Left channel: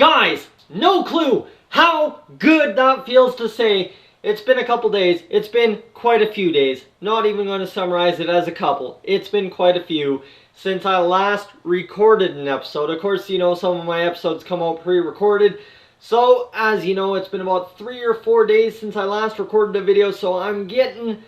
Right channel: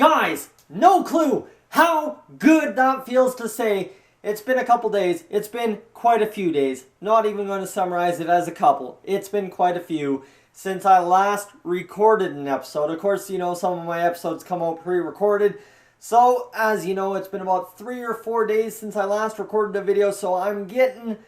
Guys, no clue how good that feels to say. It's been a couple days. It's been quite a few days. Not even going to summarize it as a couple. It's been quite a few since I last recorded an episode. Of course, you know, some of my episodes come out pre-recorded. So, as you know, it's been about 3 or 4 days since I last recorded a video. So I'm getting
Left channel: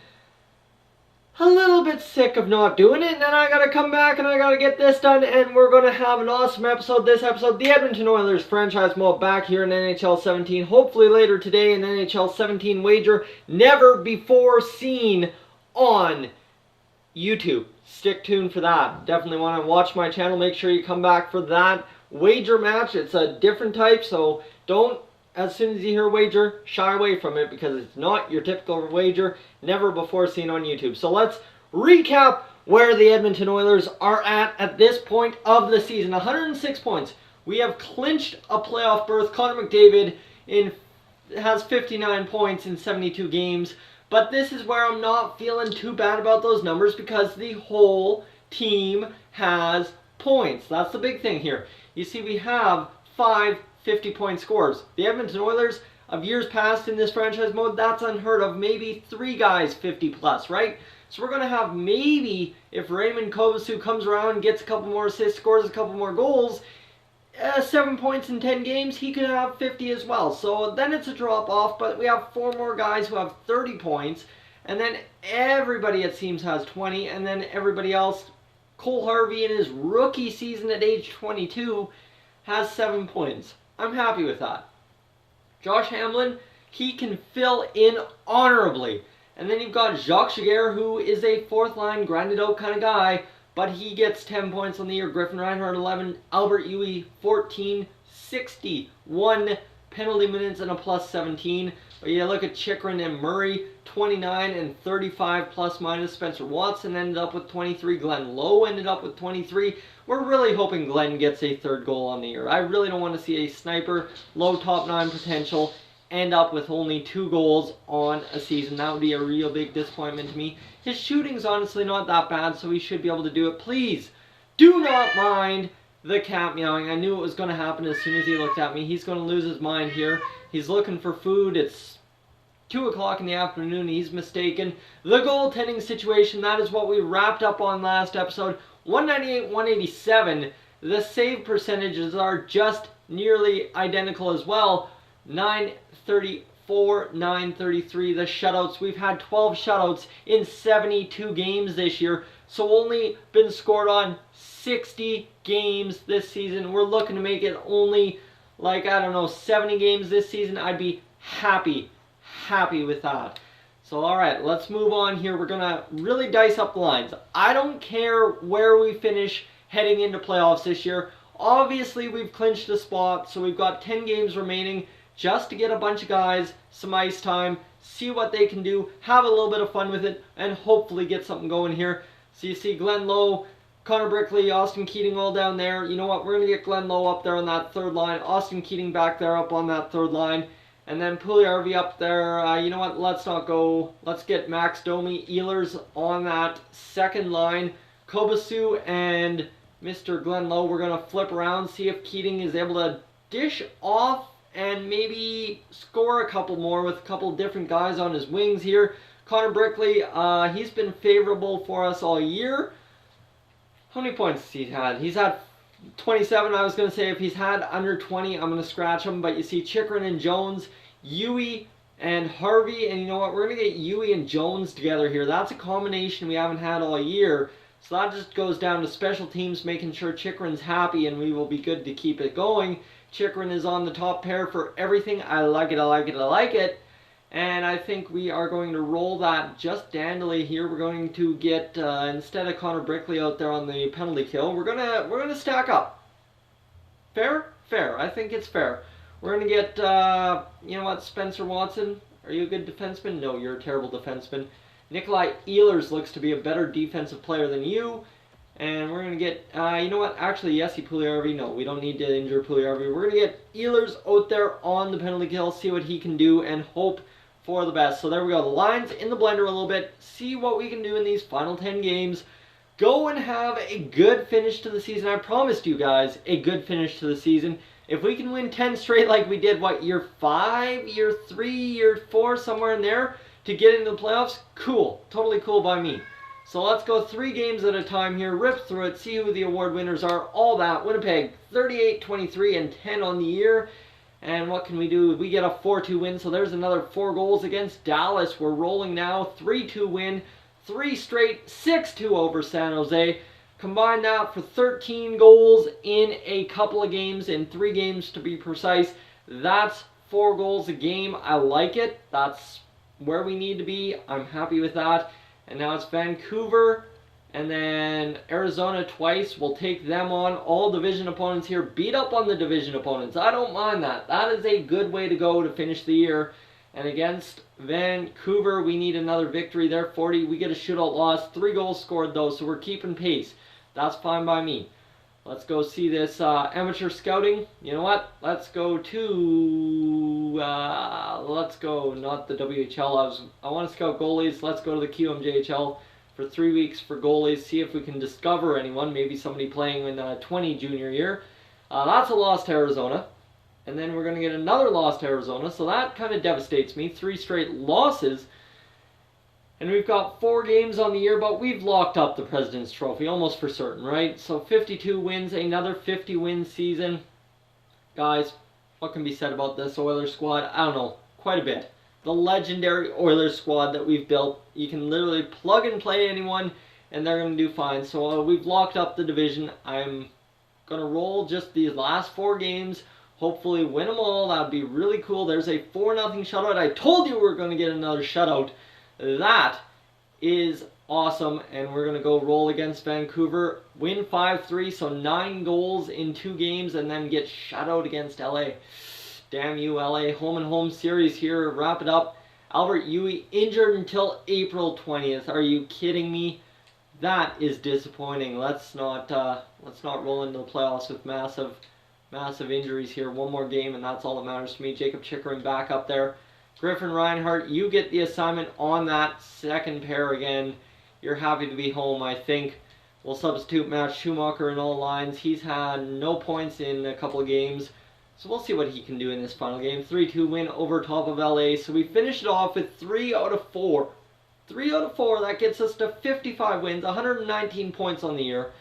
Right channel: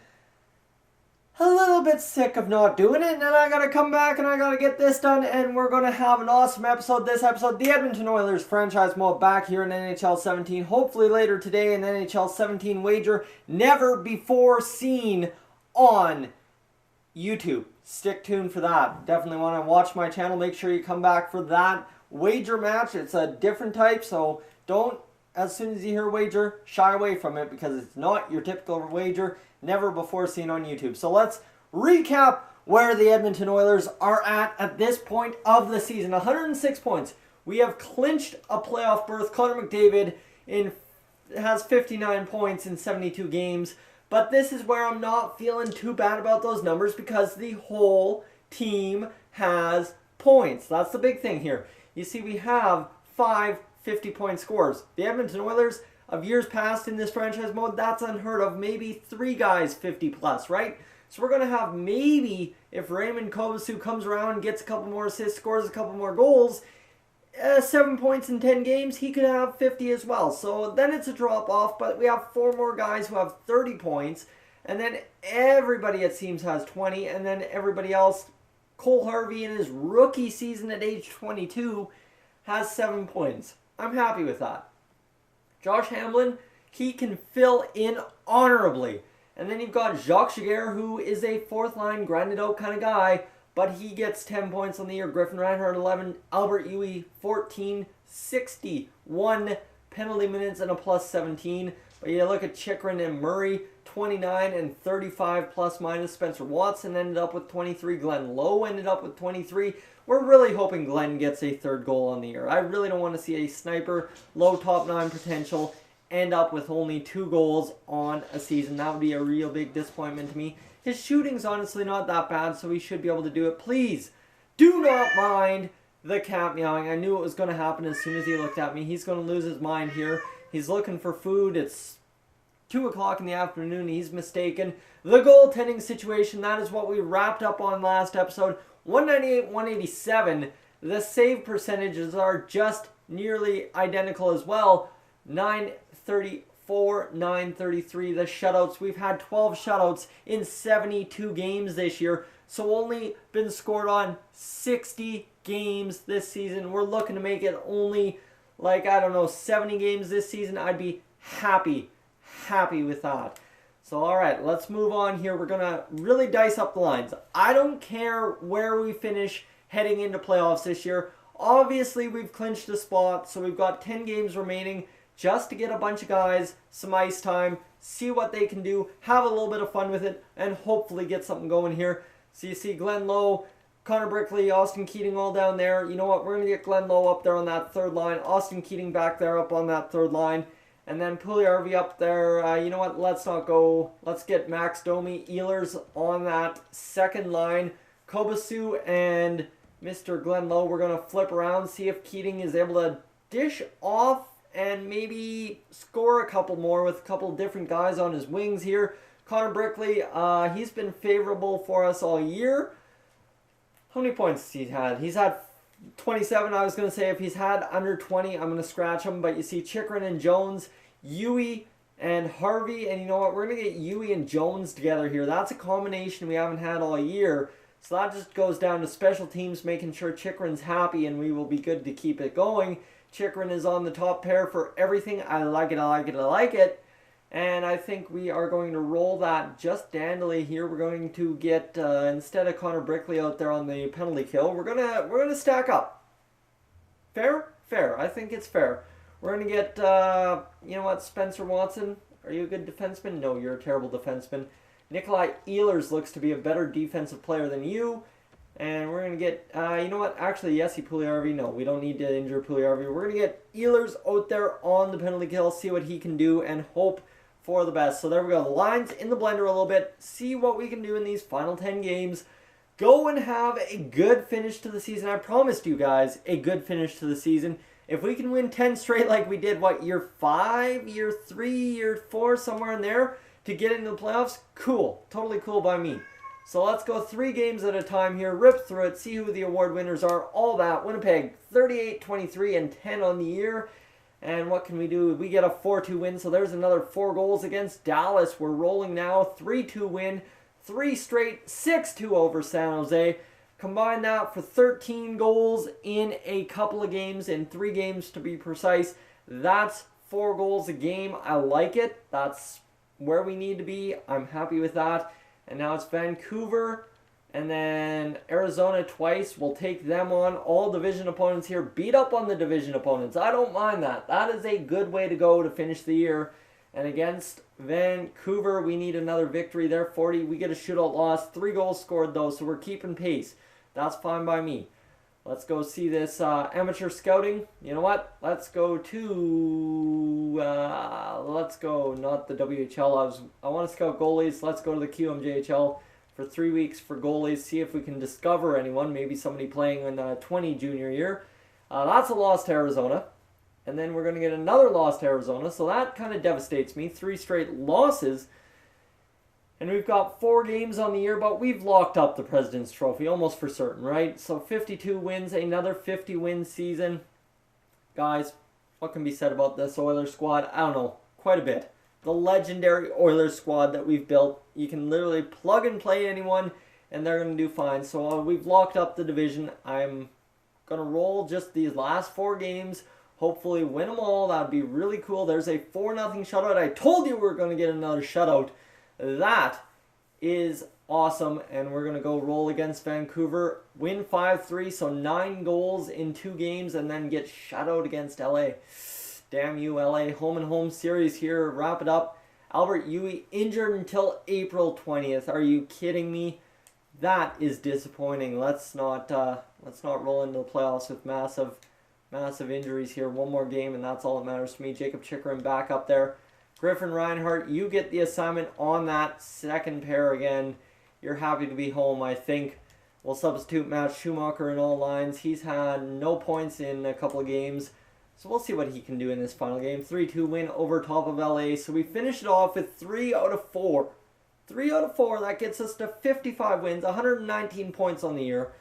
a little bit sick of not doing it, and I gotta come back and I gotta get this done, and we're gonna have an awesome episode. This episode, the Edmonton Oilers Franchise Mode back here in NHL 17. Hopefully later today, an NHL 17 wager never before seen on YouTube. Stick tuned for that. Definitely want to watch my channel. Make sure you come back for that wager match. It's a different type, so don't, as soon as you hear wager, shy away from it because it's not your typical wager, never before seen on YouTube. So let's recap where the Edmonton Oilers are at this point of the season. 106 points. We have clinched a playoff berth. Connor McDavid has 59 points in 72 games. But this is where I'm not feeling too bad about those numbers because the whole team has points. That's the big thing here. You see, we have 5 50-point scores. The Edmonton Oilers of years past in this franchise mode, that's unheard of. Maybe 3 guys 50 plus, right? So we're going to have maybe, if Raymond Kovacic comes around and gets a couple more assists, scores a couple more goals, 7 points in 10 games, he could have 50 as well. So then it's a drop off, but we have 4 more guys who have 30 points, and then everybody it seems has 20, and then everybody else, Cole Harvey in his rookie season at age 22 has 7 points. I'm happy with that. Josh Hamlin, he can fill in honorably. And then you've got Jacques Giguère, who is a fourth line, grinded out kind of guy, but he gets 10 points on the year. Griffin Reinhart, 11. Albert Uwe, 14. 61 penalty minutes and a plus 17. But you look at Chychrun and Murray, 29 and 35 plus minus. Spencer Watson ended up with 23. Glenn Lowe ended up with 23. We're really hoping Glenn gets a 3rd goal on the year. I really don't want to see a sniper, low top 9 potential, end up with only 2 goals on a season. That would be a real big disappointment to me. His shooting's honestly not that bad, so he should be able to do it. Please, do not mind the cat meowing. I knew it was going to happen as soon as he looked at me. He's going to lose his mind here. He's looking for food. It's 2 o'clock in the afternoon. He's mistaken. The goaltending situation, that is what we wrapped up on last episode. 198, 187. The save percentages are just nearly identical as well. 934, 933. The shutouts, we've had 12 shutouts in 72 games this year. So only been scored on 60 games this season. We're looking to make it only, like, I don't know, 70 games this season. I'd be happy with that. So, alright, let's move on here. We're going to really dice up the lines. I don't care where we finish heading into playoffs this year. Obviously, we've clinched a spot, so we've got 10 games remaining just to get a bunch of guys some ice time, see what they can do, have a little bit of fun with it, and hopefully get something going here. So you see Glenn Lowe, Connor Brickley, Austin Keating all down there. You know what? We're going to get Glenn Lowe up there on that 3rd line. Austin Keating back there up on that 3rd line. And then Puljujärvi up there. You know what? Let's not go. Let's get Max Domi, Ehlers on that 2nd line. Kovacic and Mr. Glenn Lowe. We're going to flip around, see if Keating is able to dish off and maybe score a couple more with a couple different guys on his wings here. Connor Brickley, he's been favorable for us all year. How many points has he had? He's had 27. I was going to say if he's had under 20, I'm going to scratch him. But you see Chychrun and Jones, Uwe and Harvey. And you know what? We're going to get Uwe and Jones together here. That's a combination we haven't had all year. So that just goes down to special teams, making sure Chychrun's happy, and we will be good to keep it going. Chychrun is on the top pair for everything. I like it, I like it, I like it. And I think we are going to roll that just dandily here. We're going to get, instead of Connor Brickley out there on the penalty kill, we're gonna stack up. Fair? Fair. I think it's fair. We're going to get, you know what, Spencer Watson. Are you a good defenseman? No, you're a terrible defenseman. Nikolai Ehlers looks to be a better defensive player than you. And we're going to get, you know what, actually, Jesse Puljujärvi. No, we don't need to injure Puljujärvi. We're going to get Ehlers out there on the penalty kill, see what he can do, and hope for the best. So there we go. The lines in the blender a little bit. See what we can do in these final 10 games. Go and have a good finish to the season. I promised you guys a good finish to the season. If we can win 10 straight like we did, year 5, year 3, year 4, somewhere in there, to get into the playoffs, cool. Totally cool by me. So let's go 3 games at a time here, rip through it, see who the award winners are, all that. Winnipeg, 38, 23, and 10 on the year. And what can we do? We get a 4-2 win, so there's another 4 goals against Dallas. We're rolling now, 3-2 win, 3 straight, 6-2 over San Jose. Combine that for 13 goals in a couple of games, in 3 games to be precise. That's 4 goals a game. I like it. That's where we need to be. I'm happy with that. And now it's Vancouver and then Arizona twice. We'll take them on. All division opponents here. Beat up on the division opponents. I don't mind that. That is a good way to go to finish the year. And against Vancouver, we need another victory there. 40. We get a shootout loss. 3 goals scored though, so we're keeping pace. That's fine by me. Let's go see this amateur scouting. You know what? Let's go to, not the WHL. I want to scout goalies. Let's go to the QMJHL for 3 weeks for goalies. See if we can discover anyone. Maybe somebody playing in 20 junior year. That's a loss to Arizona. And then we're going to get another loss to Arizona. So that kind of devastates me. 3 straight losses. And we've got 4 games on the year, but we've locked up the President's Trophy, almost for certain, right? So 52 wins, another 50-win season. Guys, what can be said about this Oilers squad? I don't know, quite a bit. The legendary Oilers squad that we've built. You can literally plug and play anyone, and they're going to do fine. So we've locked up the division. I'm going to roll just these last 4 games. Hopefully win them all. That would be really cool. There's a 4-0 shutout. I told you we were going to get another shutout. That is awesome, and we're going to go roll against Vancouver, win 5-3, so 9 goals in 2 games, and then get shut out against LA. Damn you, LA. Home and home series here. Wrap it up. Albert Uwe injured until April 20th. Are you kidding me? That is disappointing. Let's not roll into the playoffs with massive injuries here. 1 more game, and that's all that matters to me. Jacob Chickering back up there. Griffin Reinhart, you get the assignment on that second pair again. You're happy to be home, I think. We'll substitute Matt Schumacher in all lines. He's had no points in a couple of games, so we'll see what he can do in this final game. 3-2 win over top of LA. So we finished it off with 3 out of 4. 3 out of 4, that gets us to 55 wins, 119 points on the year.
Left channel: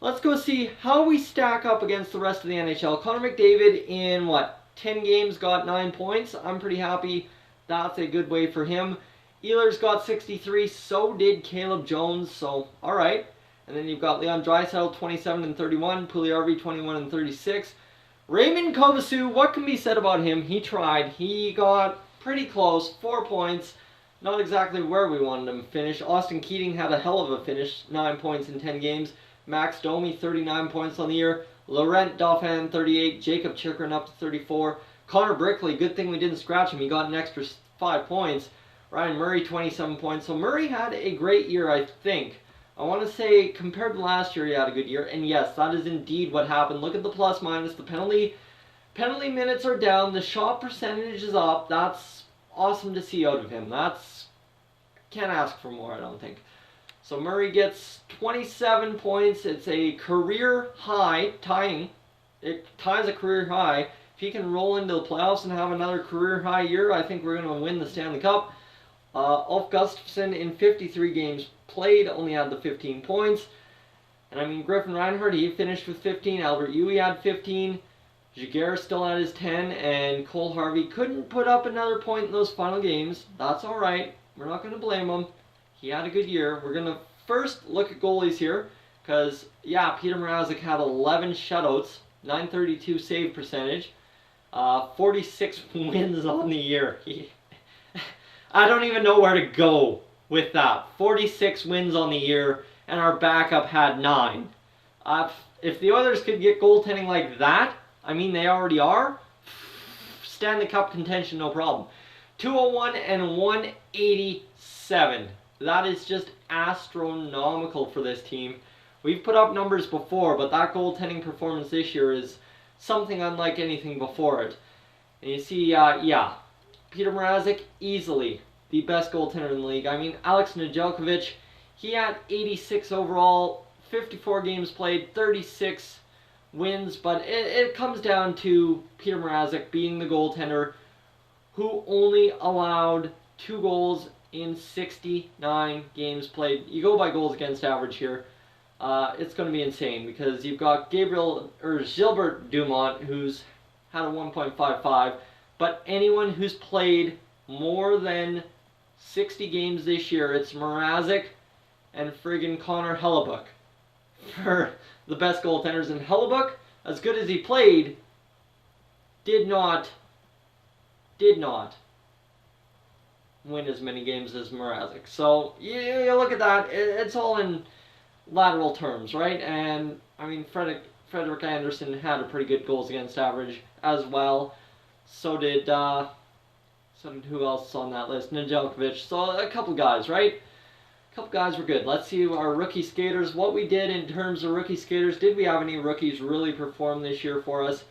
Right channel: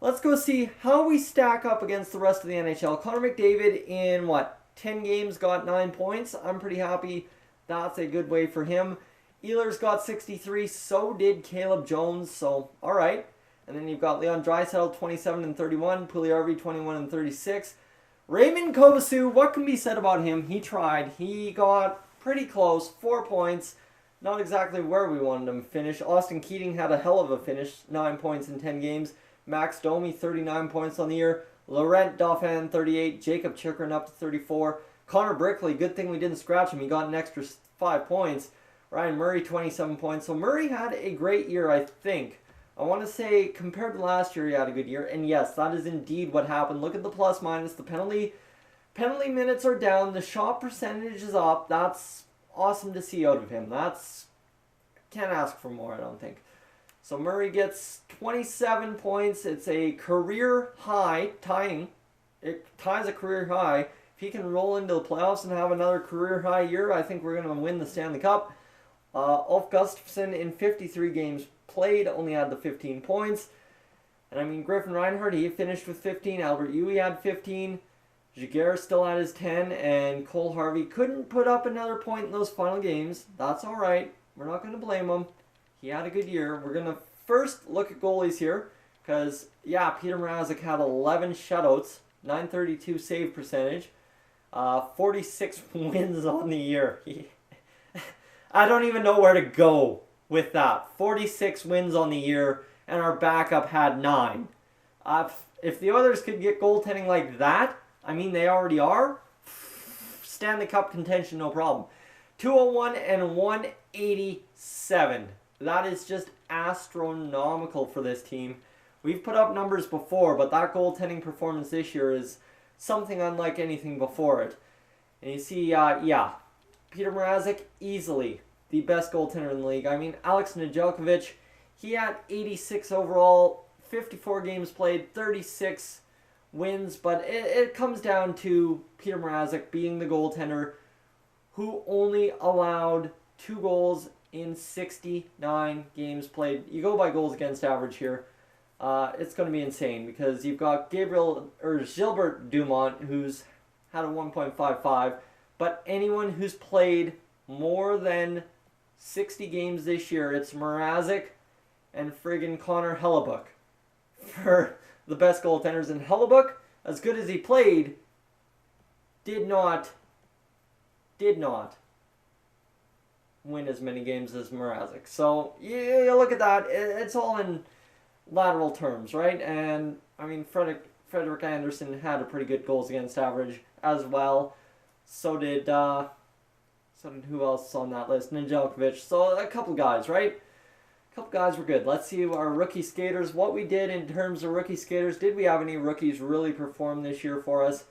Let's go see how we stack up against the rest of the NHL. Connor McDavid in, 10 games, got 9 points. I'm pretty happy. That's a good way for him. Ehlers got 63. So did Caleb Jones. So, all right. And then you've got Leon Draisaitl, 27 and 31. Puljujarvi, 21 and 36. Raymond Kovacic, what can be said about him? He tried. He got pretty close. 4 points. Not exactly where we wanted him to finish. Austin Keating had a hell of a finish. 9 points in 10 games. Max Domi, 39 points on the year. Laurent Dauphin, 38. Jacob Chickering up to 34. Connor Brickley, good thing we didn't scratch him. He got an extra 5 points. Ryan Murray, 27 points. So Murray had a great year, I think. I want to say, compared to last year, he had a good year. And yes, that is indeed what happened. Look at the plus minus. The penalty minutes are down. The shot percentage is up. That's awesome to see out of him. Can't ask for more, I don't think. So Murray gets 27 points. It's a career high, it ties a career high. If he can roll into the playoffs and have another career high year, I think we're going to win the Stanley Cup. Ulf Gustafsson in 53 games played, only had the 15 points. And I mean, Griffin Reinhart, he finished with 15. Albert Uwe had 15. Jaguar still had his 10. And Cole Harvey couldn't put up another point in those final games. That's all right. We're not going to blame him. He had a good year. We're going to first look at goalies here. Because, yeah, Peter Mrazek had 11 shutouts. 932 save percentage. 46 wins on the year. I don't even know where to go with that. 46 wins on the year, and our backup had 9. If the Oilers could get goaltending like that, I mean, they already are, Stanley Cup contention, no problem. 201 and 187. That is just astronomical for this team. We've put up numbers before, but that goaltending performance this year is something unlike anything before it. And you see, yeah, Peter Mrazek, easily the best goaltender in the league. I mean, Alex Nedeljkovic, he had 86 overall, 54 games played, 36 wins, but it comes down to Peter Mrazek being the goaltender who only allowed 2 goals in 69 games played. You go by goals against average here. It's going to be insane because you've got Gilbert Dumont, who's had a 1.55, but anyone who's played more than 60 games this year, it's Mrazek and friggin' Connor Hellebuck for the best goaltenders. And Hellebuck, as good as he played, did not win as many games as Mrazek. So you look at that, it's all in lateral terms, right? And I mean, Frederick Anderson had a pretty good goals against average as well. So did who else on that list? Nedeljkovic. So a couple guys, right? A couple guys were good. Let's see our rookie skaters. What we did in terms of rookie skaters. Did we have any rookies really perform this year for us?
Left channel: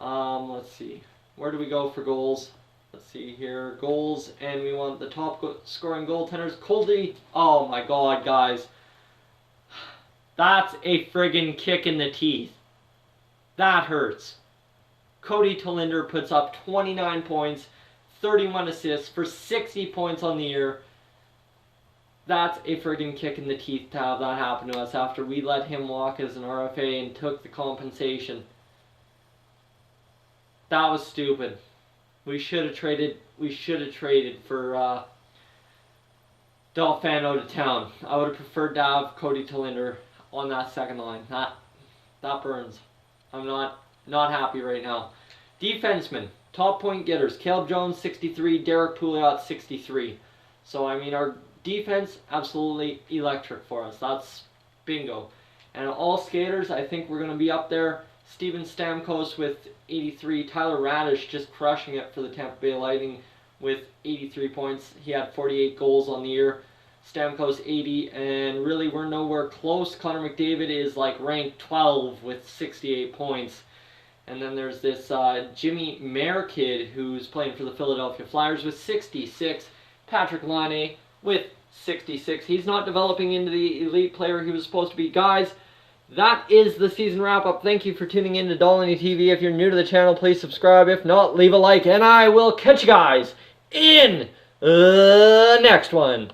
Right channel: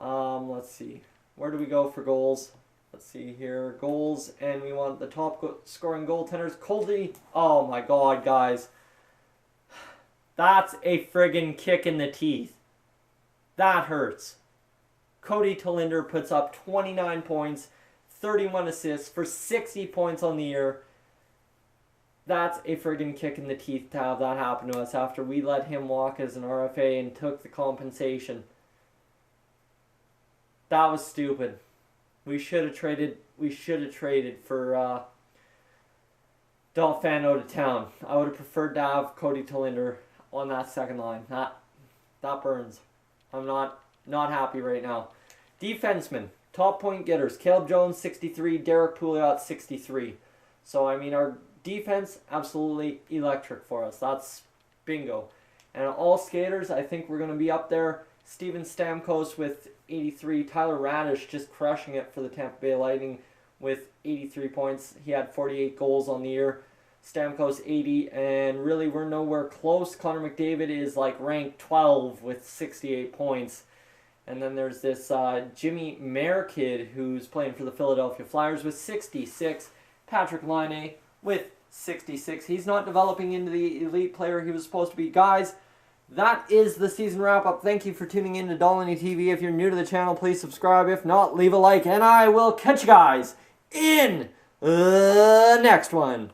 Let's see. Where do we go for goals? Let's see here. Goals, and we want the top scoring goaltenders. Coldy. Oh my God, guys. That's a friggin' kick in the teeth. That hurts. Cody Tolinder puts up 29 points, 31 assists for 60 points on the year. That's a friggin' kick in the teeth to have that happen to us after we let him walk as an RFA and took the compensation. That was stupid. We should have traded for Delfano to town. I would have preferred to have Cody Tolinder on that second line. That burns. I'm not happy right now. Defensemen, top point getters. Caleb Jones, 63. Derek Pouliot, 63. So, I mean, our defense, absolutely electric for us. That's bingo. And all skaters, I think we're going to be up there. Steven Stamkos with 83. Tyler Radish just crushing it for the Tampa Bay Lightning with 83 points. He had 48 goals on the year. Stamkos 80, and really we're nowhere close. Connor McDavid is like ranked 12 with 68 points. And then there's this Jimmy Mayer kid who's playing for the Philadelphia Flyers with 66. Patrick Laine with 66. He's not developing into the elite player he was supposed to be. Guys, that is the season wrap-up. Thank you for tuning in to Dolany TV. If you're new to the channel, please subscribe. If not, leave a like. And I will catch you guys in the next one.